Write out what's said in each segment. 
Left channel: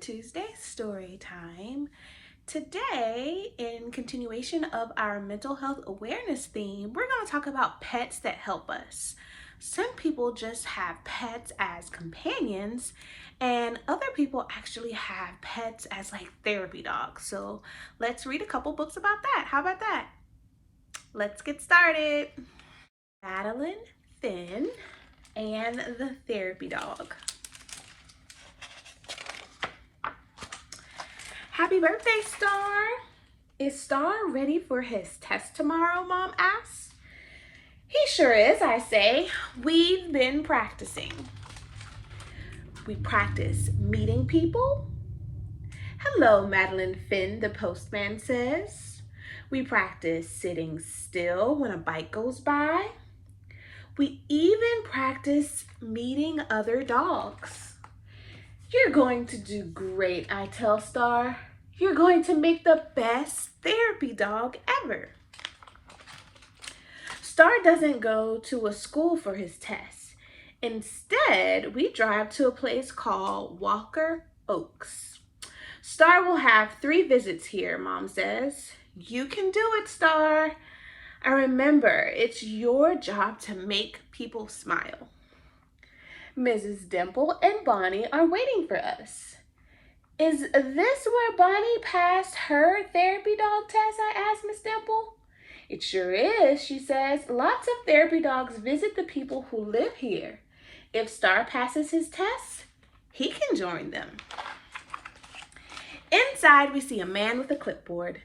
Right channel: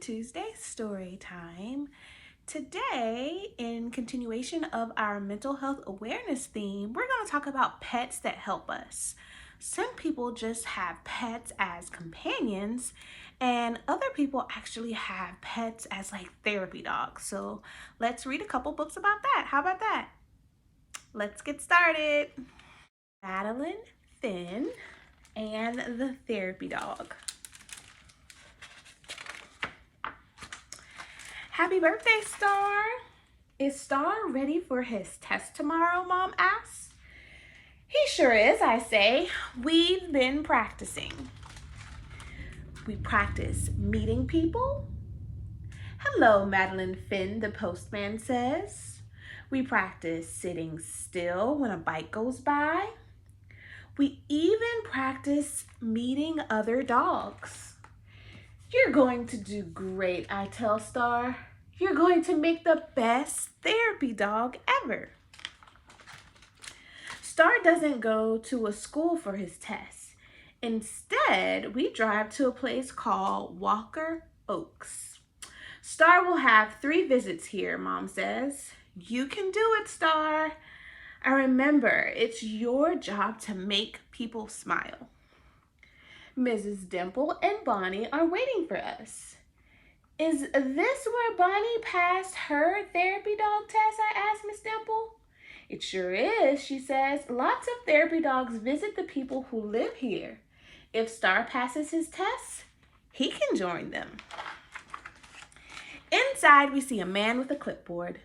Tuesday story time. Today, in continuation of our mental health awareness theme, we're going to talk about pets that help us. Some people just have pets as companions, and other people actually have pets as like therapy dogs. So let's read a couple books about that. How about that? Let's get started. Madeline, Finn, and the therapy dog. Happy birthday, Star! Is Star ready for his test tomorrow, Mom asks. He sure is, I say. We've been practicing. We practice meeting people. Hello, Madeline Finn, the postman says. We practice sitting still when a bike goes by. We even practice meeting other dogs. You're going to do great, I tell Star. You're going to make the best therapy dog ever. Star doesn't go to a school for his tests. Instead, we drive to a place called Walker Oaks. Star will have 3 visits here, Mom says. You can do it, Star. And remember, it's your job to make people smile. Mrs. Dimple and Bonnie are waiting for us. Is this where Bonnie passed her therapy dog test? I asked Miss Dimple. It sure is, she says. Lots of therapy dogs visit the people who live here. If Star passes his tests, he can join them. Inside, we see a man with a clipboard.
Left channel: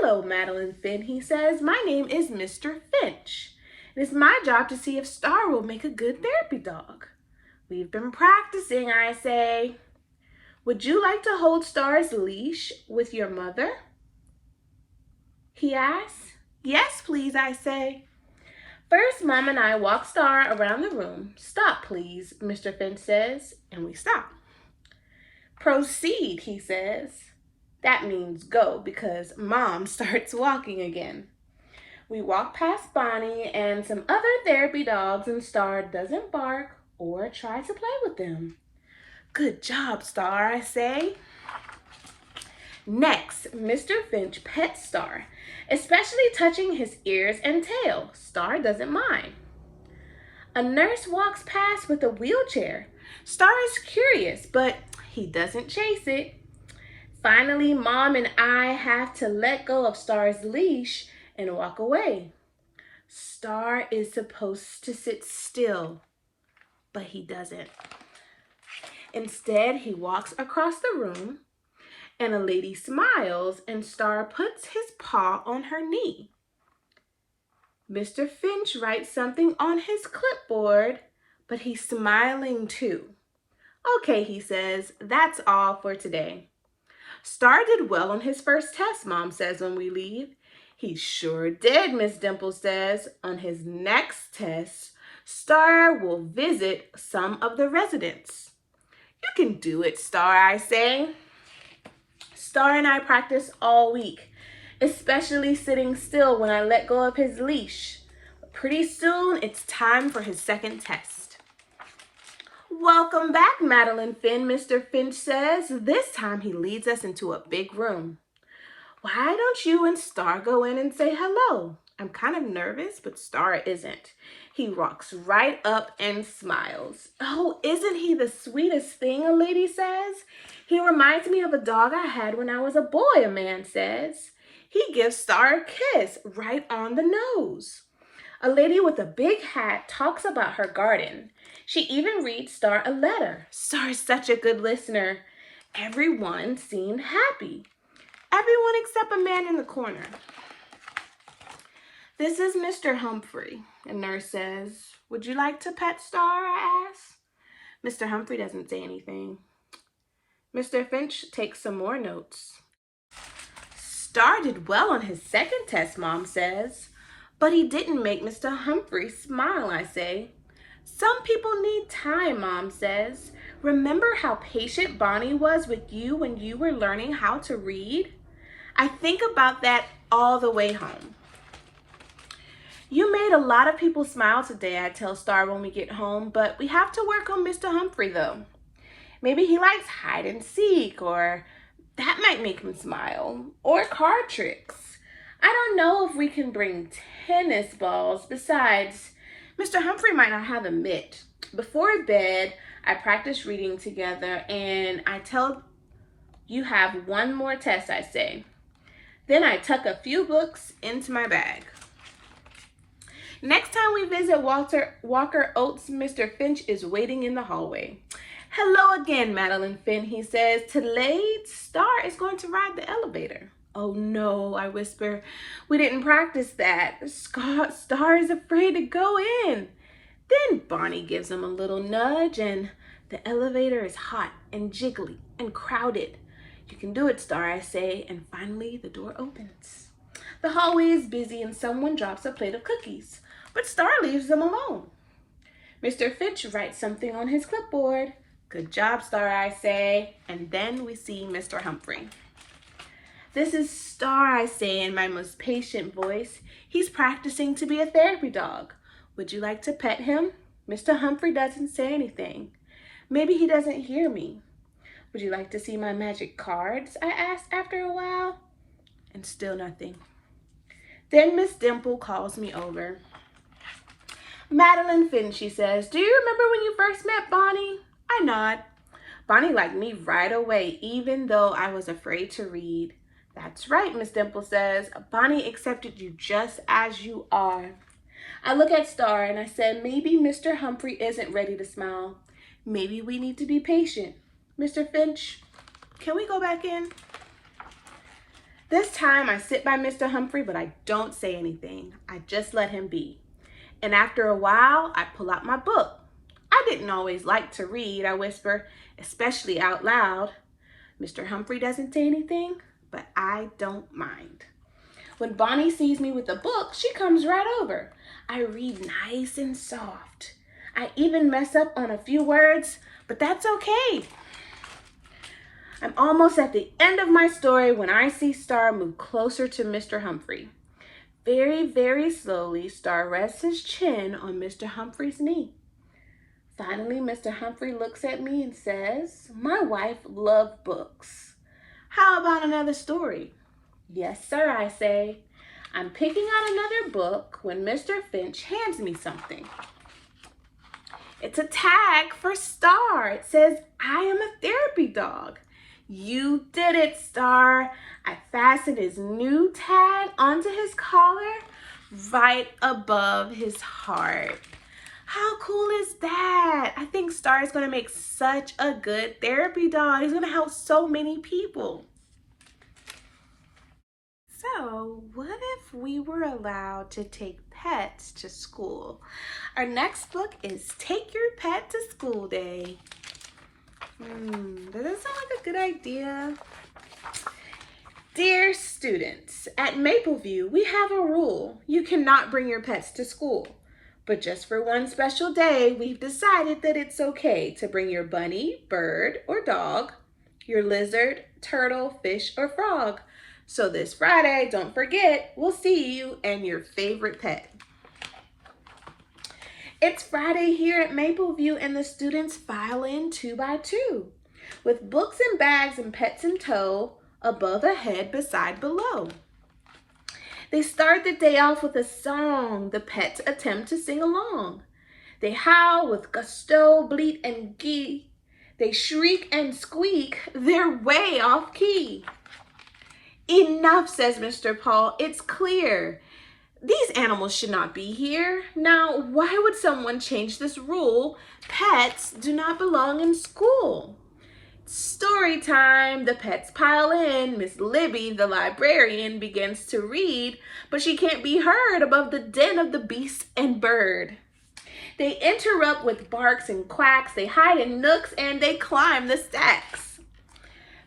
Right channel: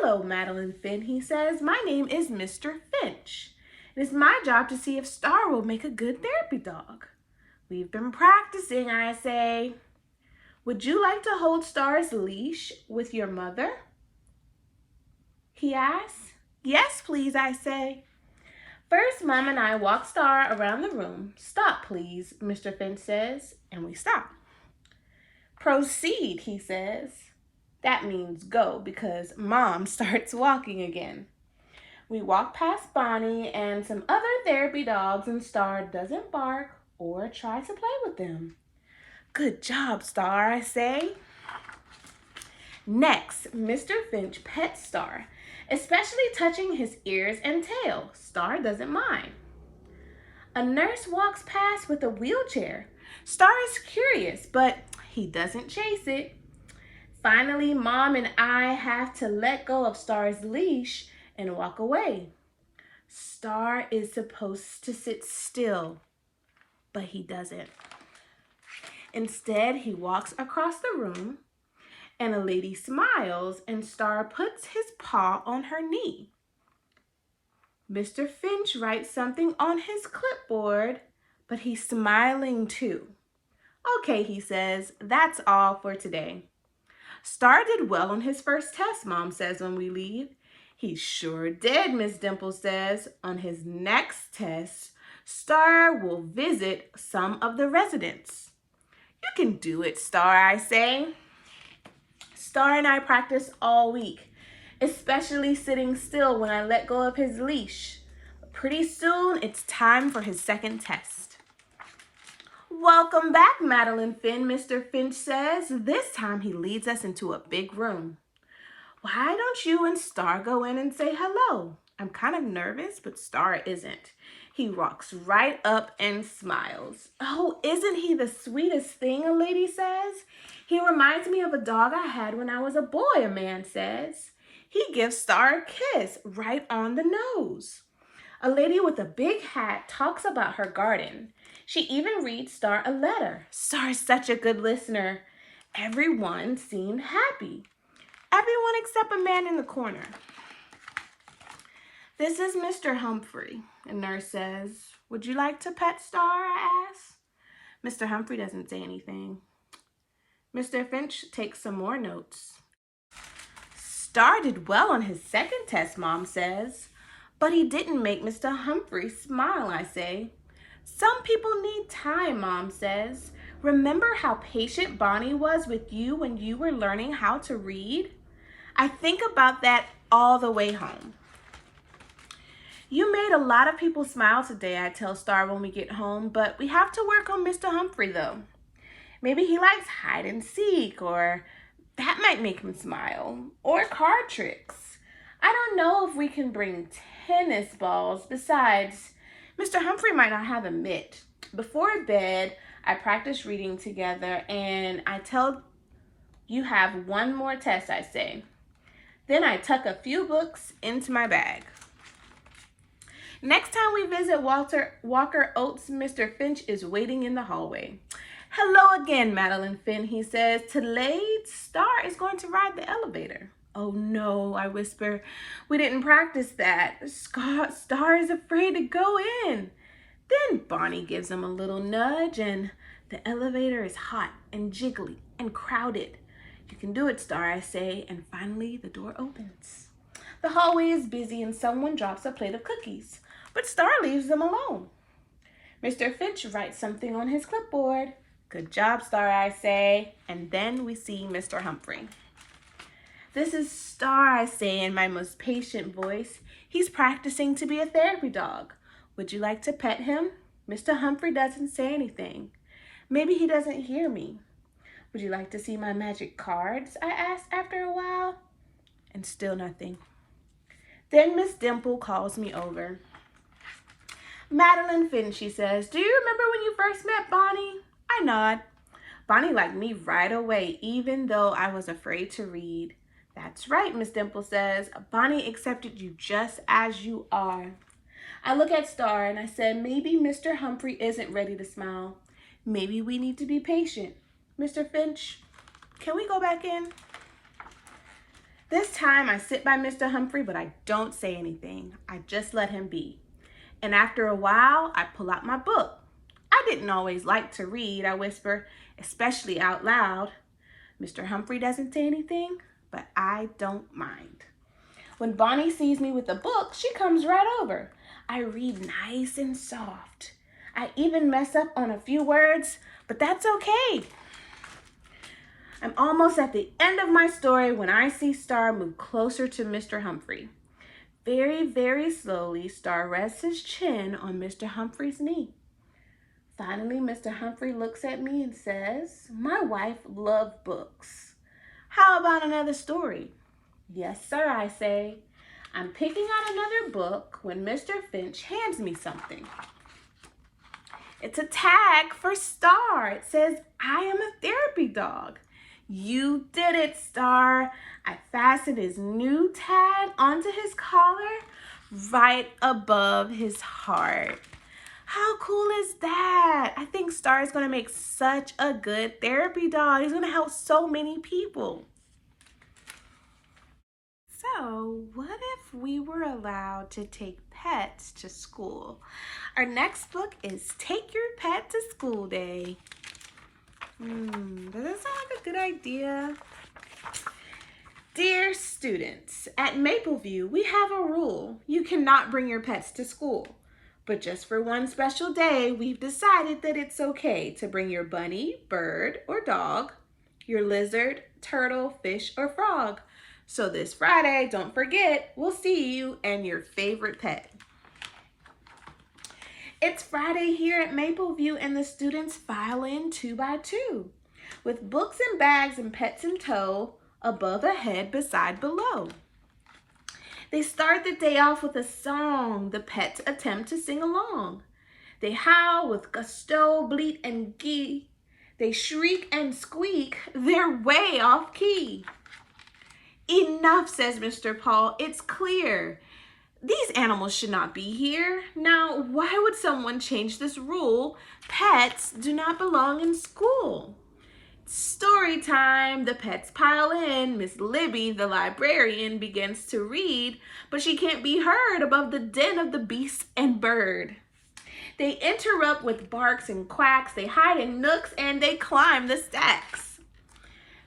Hello, Madeline Finn, he says. My name is Mr. Finch. It is my job to see if Star will make a good therapy dog. We've been practicing, I say. Would you like to hold Star's leash with your mother? He asks. Yes, please, I say. First, Mom and I walk Star around the room. Stop, please, Mr. Finch says, and we stop. Proceed, he says. That means go because Mom starts walking again. We walk past Bonnie and some other therapy dogs, and Star doesn't bark or try to play with them. Good job, Star, I say. Next, Mr. Finch pets Star, especially touching his ears and tail. Star doesn't mind. A nurse walks past with a wheelchair. Star is curious, but he doesn't chase it. Finally, Mom and I have to let go of Star's leash and walk away. Star is supposed to sit still, but he doesn't. Instead, he walks across the room, and a lady smiles, and Star puts his paw on her knee. Mr. Finch writes something on his clipboard, but he's smiling too. Okay, he says, that's all for today. Star did well on his first test, Mom says when we leave. He sure did, Miss Dimple says. On his next test, Star will visit some of the residents. You can do it, Star, I say. Star and I practice all week, especially sitting still when I let go of his leash. But pretty soon, it's time for his second test. Welcome back, Madeline Finn, Mr. Finch says. This time he leads us into a big room. Why don't you and Star go in and say hello? I'm kind of nervous, but Star isn't. He walks right up and smiles. Oh, isn't he the sweetest thing, a lady says. He reminds me of a dog I had when I was a boy, a man says. He gives Star a kiss right on the nose. A lady with a big hat talks about her garden. She even reads Star a letter. Star's such a good listener. Everyone seemed happy. Everyone except a man in the corner. This is Mr. Humphrey, a nurse says. Would you like to pet Star, I ask. Mr. Humphrey doesn't say anything. Mr. Finch takes some more notes. Star did well on his second test, Mom says. But he didn't make Mr. Humphrey smile, I say. Some people need time, Mom says. Remember how patient Bonnie was with you when you were learning how to read? I think about that all the way home. You made a lot of people smile today, I tell Star when we get home, but we have to work on Mr. Humphrey, though. Maybe he likes hide and seek, or that might make him smile, or card tricks. I don't know if we can bring tennis balls. Besides, Mr. Humphrey might not have a mitt. Before bed, I practice reading together, and I tell you have one more test, I say. Then I tuck a few books into my bag. Next time we visit Walker Oates, Mr. Finch is waiting in the hallway. Hello again, Madeline Finn, he says. Today, Star is going to ride the elevator. Oh no, I whisper. We didn't practice that. Star is afraid to go in. Then Bonnie gives him a little nudge, and the elevator is hot and jiggly and crowded. You can do it, Star, I say, and finally the door opens. The hallway is busy and someone drops a plate of cookies, but Star leaves them alone. Mr. Finch writes something on his clipboard. Good job, Star, I say, and then we see Mr. Humphrey. This is Star, I say in my most patient voice. He's practicing to be a therapy dog. Would you like to pet him? Mr. Humphrey doesn't say anything. Maybe he doesn't hear me. Would you like to see my magic cards? I asked after a while. And still nothing. Then Miss Dimple calls me over. Madeline Finn, she says, do you remember when you first met Bonnie? I nod. Bonnie liked me right away, even though I was afraid to read. That's right, Miss Dimple says. Bonnie accepted you just as you are. I look at Star and I said, maybe Mr. Humphrey isn't ready to smile. Maybe we need to be patient. Mr. Finch, can we go back in? This time I sit by Mr. Humphrey, but I don't say anything. I just let him be. And after a while, I pull out my book. I didn't always like to read, I whisper, especially out loud. Mr. Humphrey doesn't say anything, but I don't mind. When Bonnie sees me with a book, she comes right over. I read nice and soft. I even mess up on a few words, but that's okay. I'm almost at the end of my story when I see Star move closer to Mr. Humphrey. Very, very slowly, Star rests his chin on Mr. Humphrey's knee. Finally, Mr. Humphrey looks at me and says, my wife loves books. How about another story? Yes, sir, I say. I'm picking out another book when Mr. Finch hands me something. It's a tag for Star. It says, I am a therapy dog. You did it, Star. I fastened his new tag onto his collar right above his heart. How cool is that? I think Star is going to make such a good therapy dog. He's going to help so many people. So, what if we were allowed to take pets to school? Our next book is Take Your Pet to School Day. Does that sound like a good idea? Dear students, at Mapleview, we have a rule. You cannot bring your pets to school. But just for one special day, we've decided that it's okay to bring your bunny, bird, or dog, your lizard, turtle, fish, or frog. So this Friday, don't forget, we'll see you and your favorite pet. It's Friday here at Mapleview and the students file in 2 by 2 with books and bags and pets in tow, above, ahead, beside, below. They start the day off with a song. The pets attempt to sing along. They howl with gusto, bleat, and gee. They shriek and squeak. They're way off key. Enough, says Mr. Paul. It's clear. These animals should not be here. Now, why would someone change this rule? Pets do not belong in school. Story time. The pets pile in. Miss Libby, the librarian, begins to read, but she can't be heard above the din of the beast and bird. They interrupt with barks and quacks. They hide in nooks and they climb the stacks.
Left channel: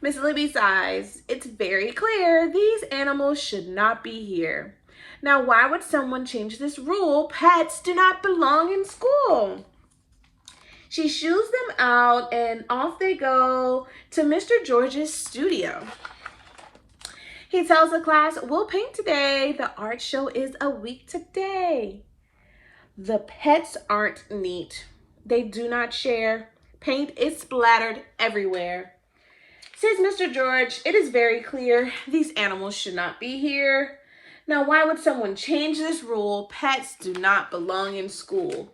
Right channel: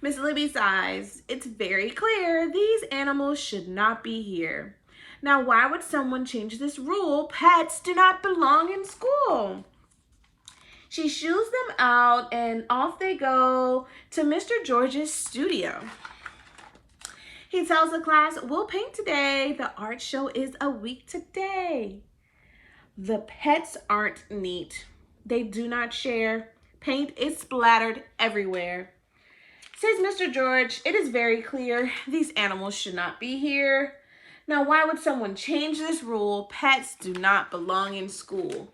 Miss Libby sighs. It's very clear these animals should not be here. Now, why would someone change this rule? Pets do not belong in school. She shoos them out and off they go to Mr. George's studio. He tells the class, we'll paint today. The art show is a week today. The pets aren't neat. They do not share. Paint is splattered everywhere. Says Mr. George, it is very clear these animals should not be here. Now, why would someone change this rule? Pets do not belong in school.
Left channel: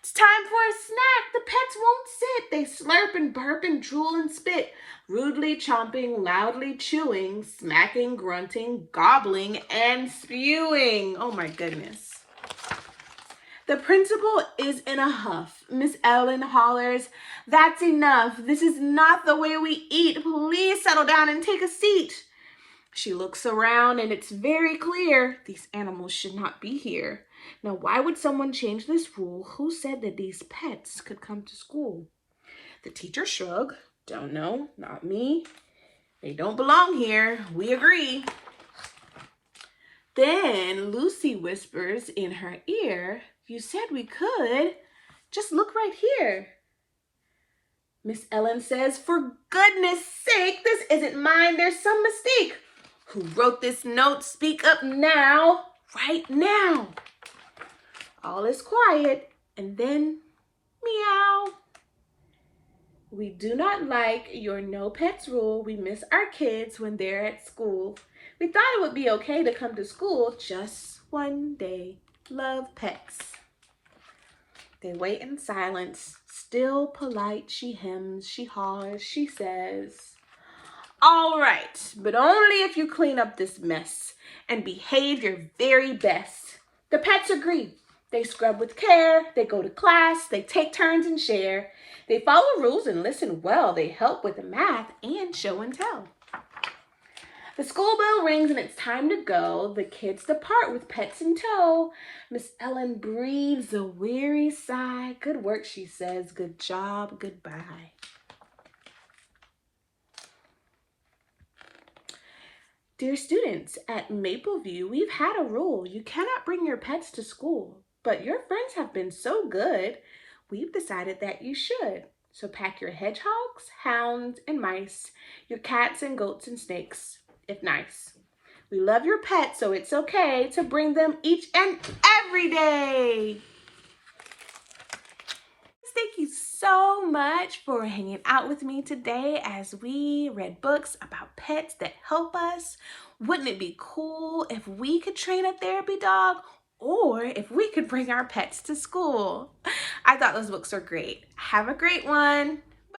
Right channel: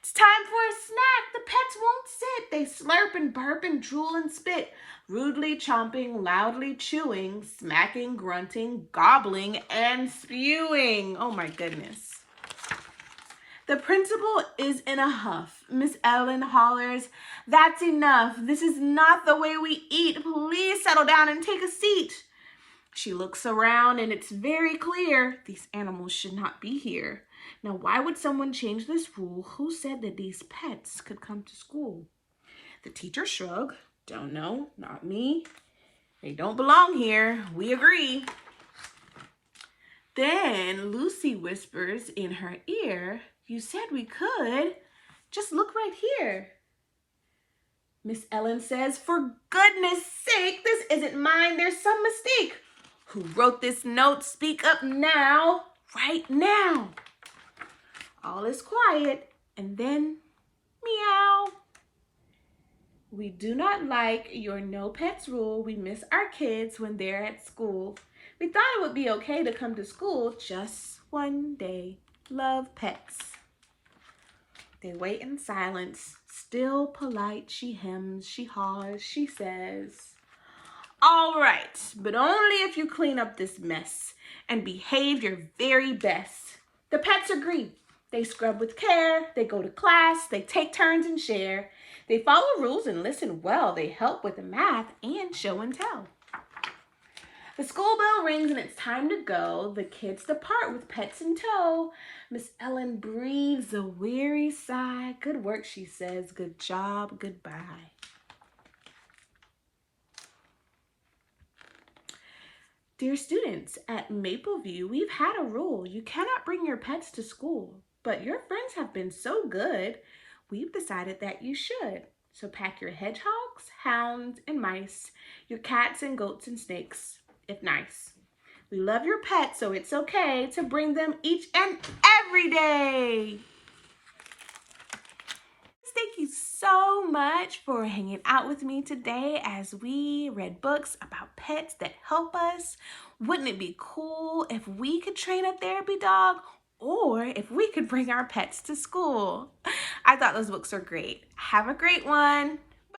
It's time for a snack. The pets won't sit. They slurp and burp and drool and spit, rudely chomping, loudly chewing, smacking, grunting, gobbling, and spewing. Oh my goodness. The principal is in a huff. Miss Ellen hollers, "That's enough. This is not the way we eat. Please settle down and take a seat." She looks around and it's very clear these animals should not be here. Now, why would someone change this rule? Who said that these pets could come to school? The teacher shrugged. Don't know, not me. They don't belong here. We agree. Then Lucy whispers in her ear, "You said we could. Just look right here." Miss Ellen says, "For goodness sake, this isn't mine. There's some mistake. Who wrote this note? Speak up now, right now." All is quiet, and then meow. "We do not like your no pets rule. We miss our kids when they're at school. We thought it would be okay to come to school just one day. Love, Pets." They wait in silence. Still polite, she hems, she haws, she says, "All right, but only if you clean up this mess and behave your very best." The pets agree. They scrub with care, they go to class, they take turns and share. They follow rules and listen well. They help with the math and show and tell. The school bell rings and it's time to go. The kids depart with pets in tow. Miss Ellen breathes a weary sigh. "Good work," she says. "Good job. Goodbye." Dear students, at Mapleview, we've had a rule. You cannot bring your pets to school, but your friends have been so good, we've decided that you should. So pack your hedgehogs, hounds, and mice, your cats and goats and snakes, if nice. We love your pets, so it's okay to bring them each and every day. Thank you so much for hanging out with me today as we read books about pets that help us. Wouldn't it be cool if we could train a therapy dog, or if we could bring our pets to school? I thought those books were great. Have a great one.